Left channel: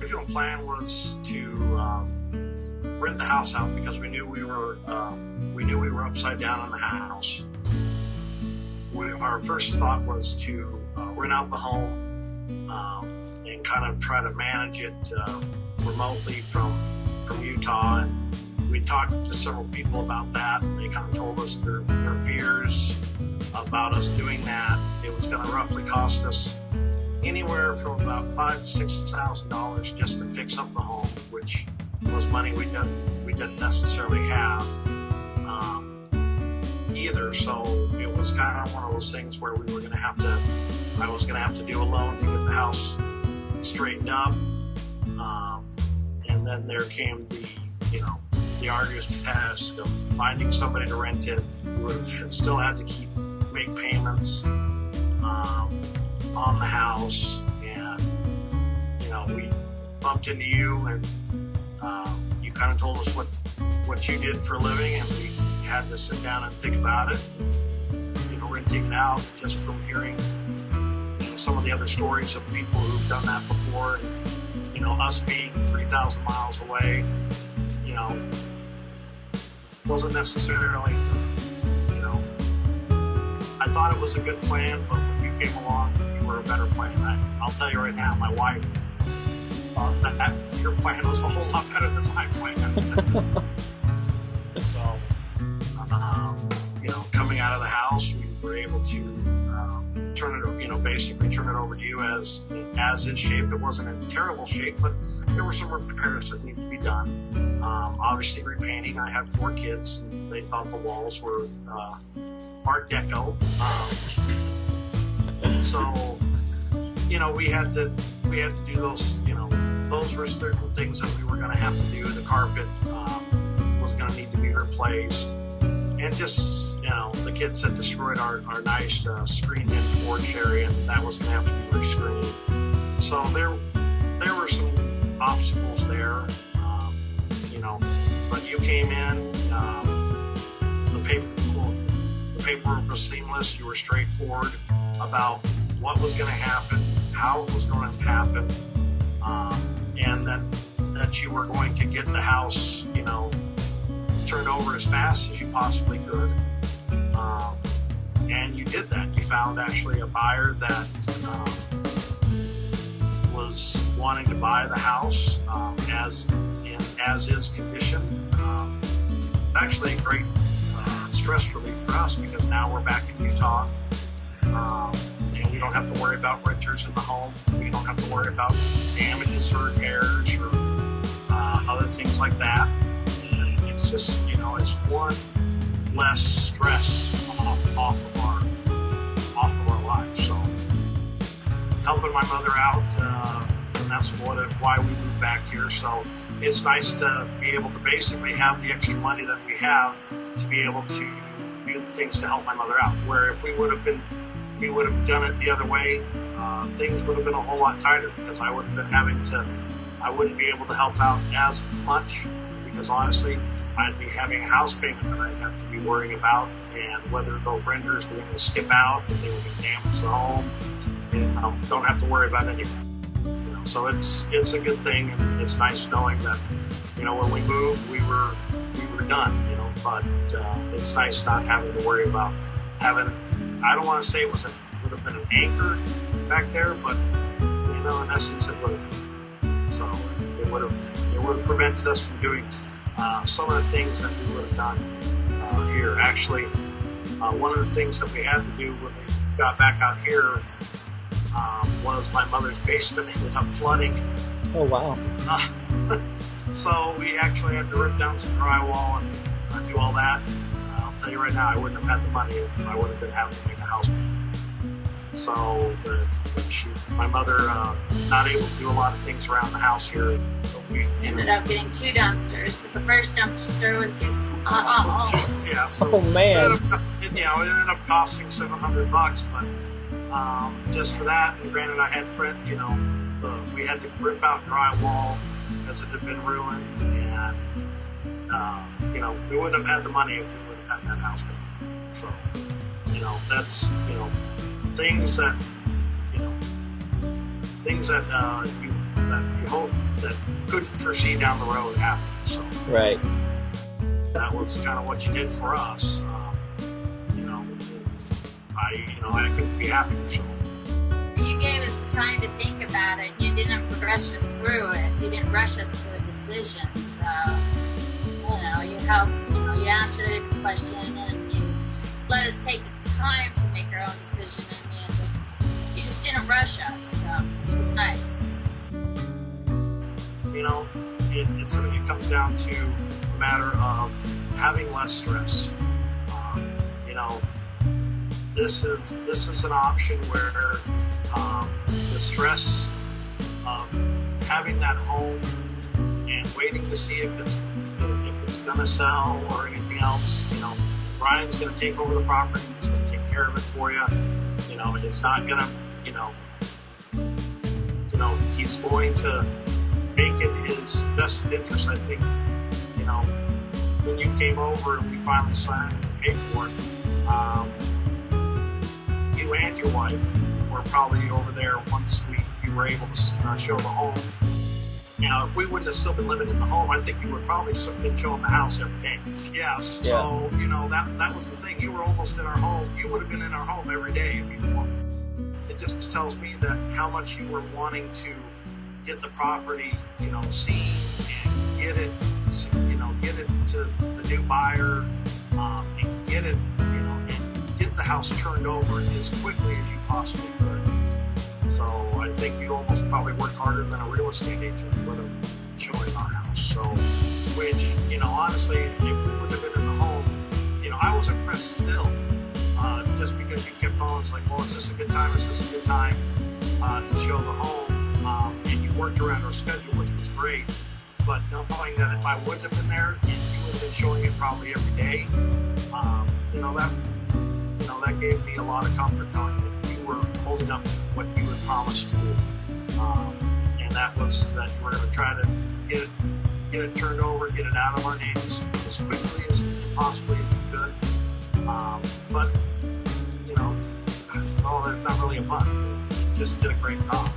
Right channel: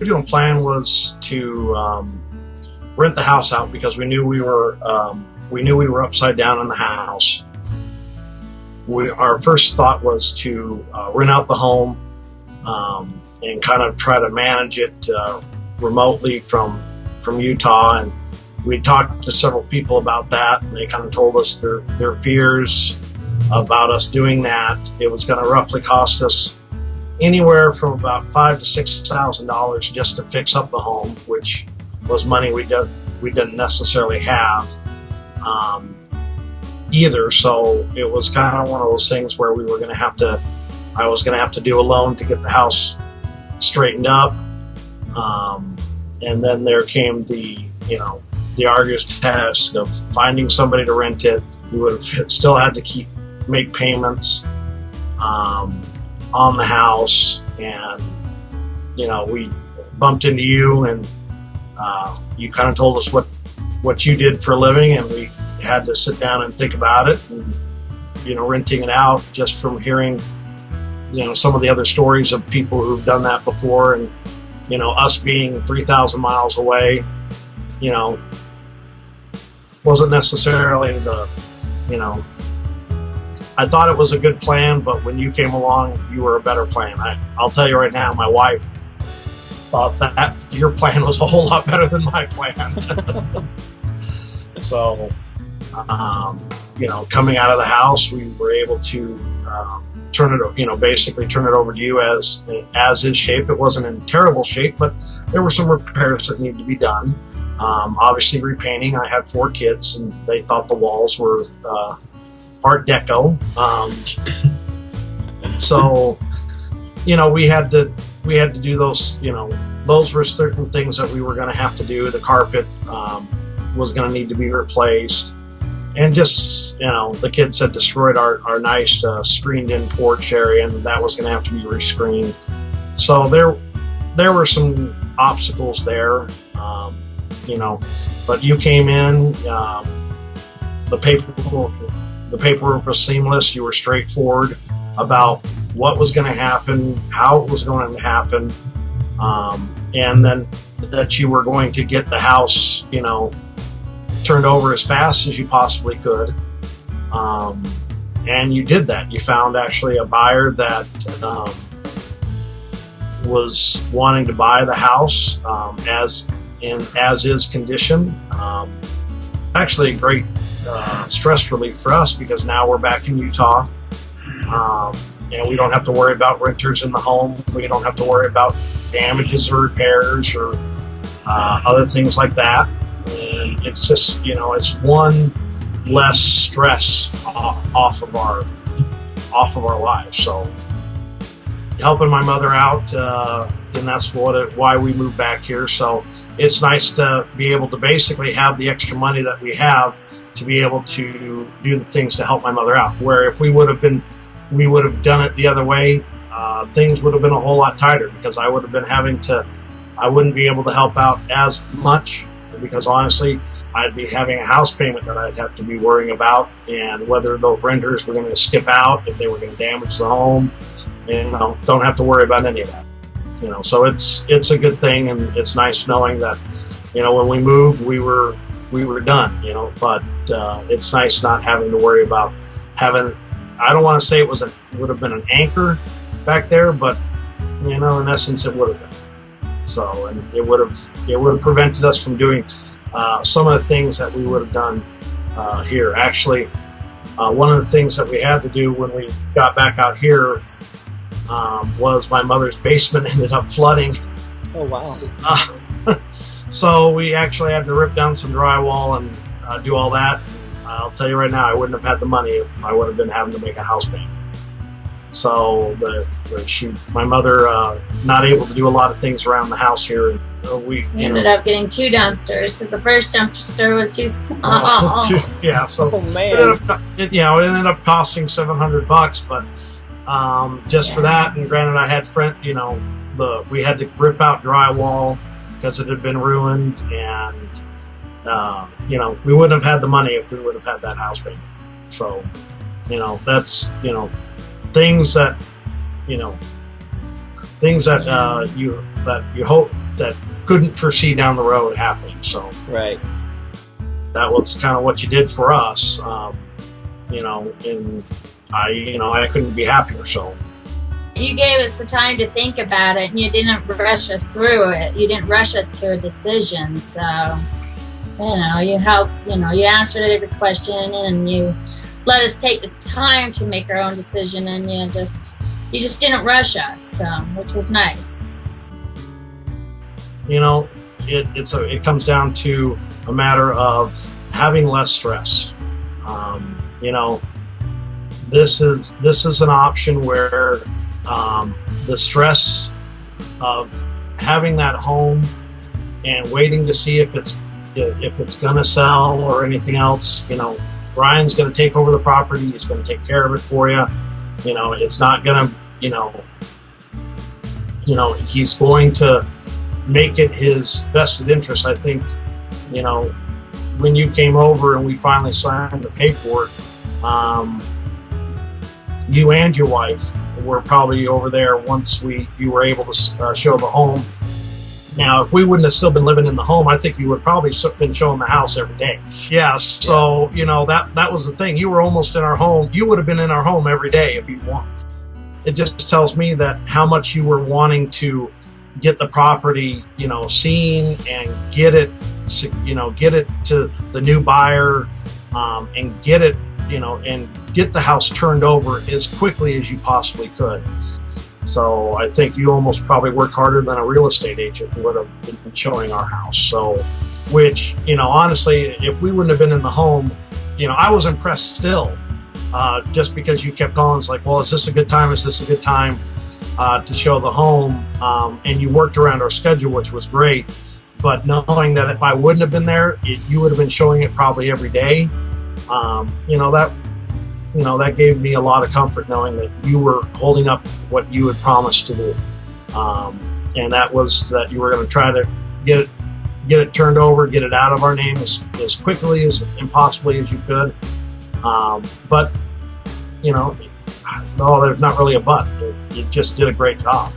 original plan was to rent the house out because we knew we were upside down in the house. Our first thought was to rent out the home and kind of try to manage it remotely from Utah. And we talked to several people about that, and they kind of told us their fears about us doing that. It was going to roughly cost us anywhere from about $5,000 to $6,000 just to fix up the home, which was money we didn't necessarily have either. So it was kind of one of those things where I was going to have to do a loan to get the house straightened up. And then there came the arduous task of finding somebody to rent it. We would have still had to make payments on the house, and we bumped into you, and you kind of told us what you did for a living, and we had to sit down and think about it. And renting it out, just from hearing some of the other stories of people who've done that before, and us being 3,000 miles away, wasn't necessarily I thought it was a good plan, but when you came along, you were a better plan. I'll tell you right now, my wife thought that your plan was a whole lot better than my plan. So, coming out of the house, we were able to basically turn it over to you as is shape. It wasn't in terrible shape, but there were some repairs that needed to be done. Obviously, repainting. I had 4 kids, and they thought the walls were Art Deco. So, we had to do those. Those were certain things that we were going to have to do. The carpet was going to need to be replaced, and just the kids had destroyed our nice screened-in porch area, and that was going to have to be rescreened. So there were some obstacles there, but you came in. The paperwork was seamless. You were straightforward about what was going to happen, how it was going to happen, and then that you were going to get the house, turned over as fast as you possibly could. And you did that. You found actually a buyer that was wanting to buy the house as is condition. Actually, a great stress relief for us, because now we're back in Utah, and we don't have to worry about renters in the home. We don't have to worry about damages or repairs or other things like that. And it's just, it's one less stress off of our lives. So helping my mother out, and that's why we moved back here. So it's nice to be able to basically have the extra money that we have to be able to do the things to help my mother out. Where if we would have done it the other way, things would have been a whole lot tighter, because I would have been I wouldn't be able to help out as much, because honestly, I'd be having a house payment that I'd have to be worrying about, and whether those renters were going to skip out, if they were going to damage the home, and don't have to worry about any of that. So it's a good thing, and it's nice knowing that, when we moved, we were done, but it's nice not having to worry about having, I don't want to say it would have been an anchor back there, but in essence it would have been. So, and it would have prevented us from doing some of the things that we would have done here. Actually, one of the things that we had to do when we got back out here was my mother's basement ended up flooding. Oh wow. So we actually had to rip down some drywall and do all that. I'll tell you right now, I wouldn't have had the money if I would have been having to make a house payment. So my mother, not able to do a lot of things around the house here. We ended up getting 2 dumpsters, because the first dumpster was too small. Yeah, so oh man, it ended up costing $700, but just for that. And granted, I had we had to rip out drywall because it had been ruined, and we wouldn't have had the money if we would have had that house payment. So that's things that things that you hope that couldn't foresee down the road happening. So Right. that was kind of what you did for us, and I couldn't be happier. So You gave us the time to think about it, and you didn't rush us through it. You didn't rush us to a decision. So, you helped. You answered every question, and you let us take the time to make our own decision, and you just didn't rush us, which was nice. It comes down to a matter of having less stress. This is an option where the stress of having that home and waiting to see if it's gonna sell or anything else. Brian's gonna take over the property. He's gonna take care of it for you. It's not gonna. He's going to make it his vested interest. I think, when you came over and we finally signed the paperwork, you and your wife were probably over there once you were able to show the home. Now, if we wouldn't have still been living in the home, I think you would probably been showing the house every day. Yeah, so, that was the thing. You were almost in our home. You would have been in our home every day if you'd wanted. It just tells me that how much you were wanting to get the property, seen and get it to the new buyer, and get it, and get the house turned over as quickly as you possibly could. So I think you almost probably worked harder than a real estate agent would have been showing our house. So, which, honestly, if we wouldn't have been in the home, I was impressed still, just because you kept calling. It's like, well, is this a good time? Is this a good time to show the home? And you worked around our schedule, which was great. But knowing that if I wouldn't have been there, you would have been showing it probably every day. That gave me a lot of comfort knowing that you were holding up what you had promised to do. And that was that you were going to try to get it turned over, get it out of our name as quickly and possibly as you could. But, there's not really a but. It just did a great job.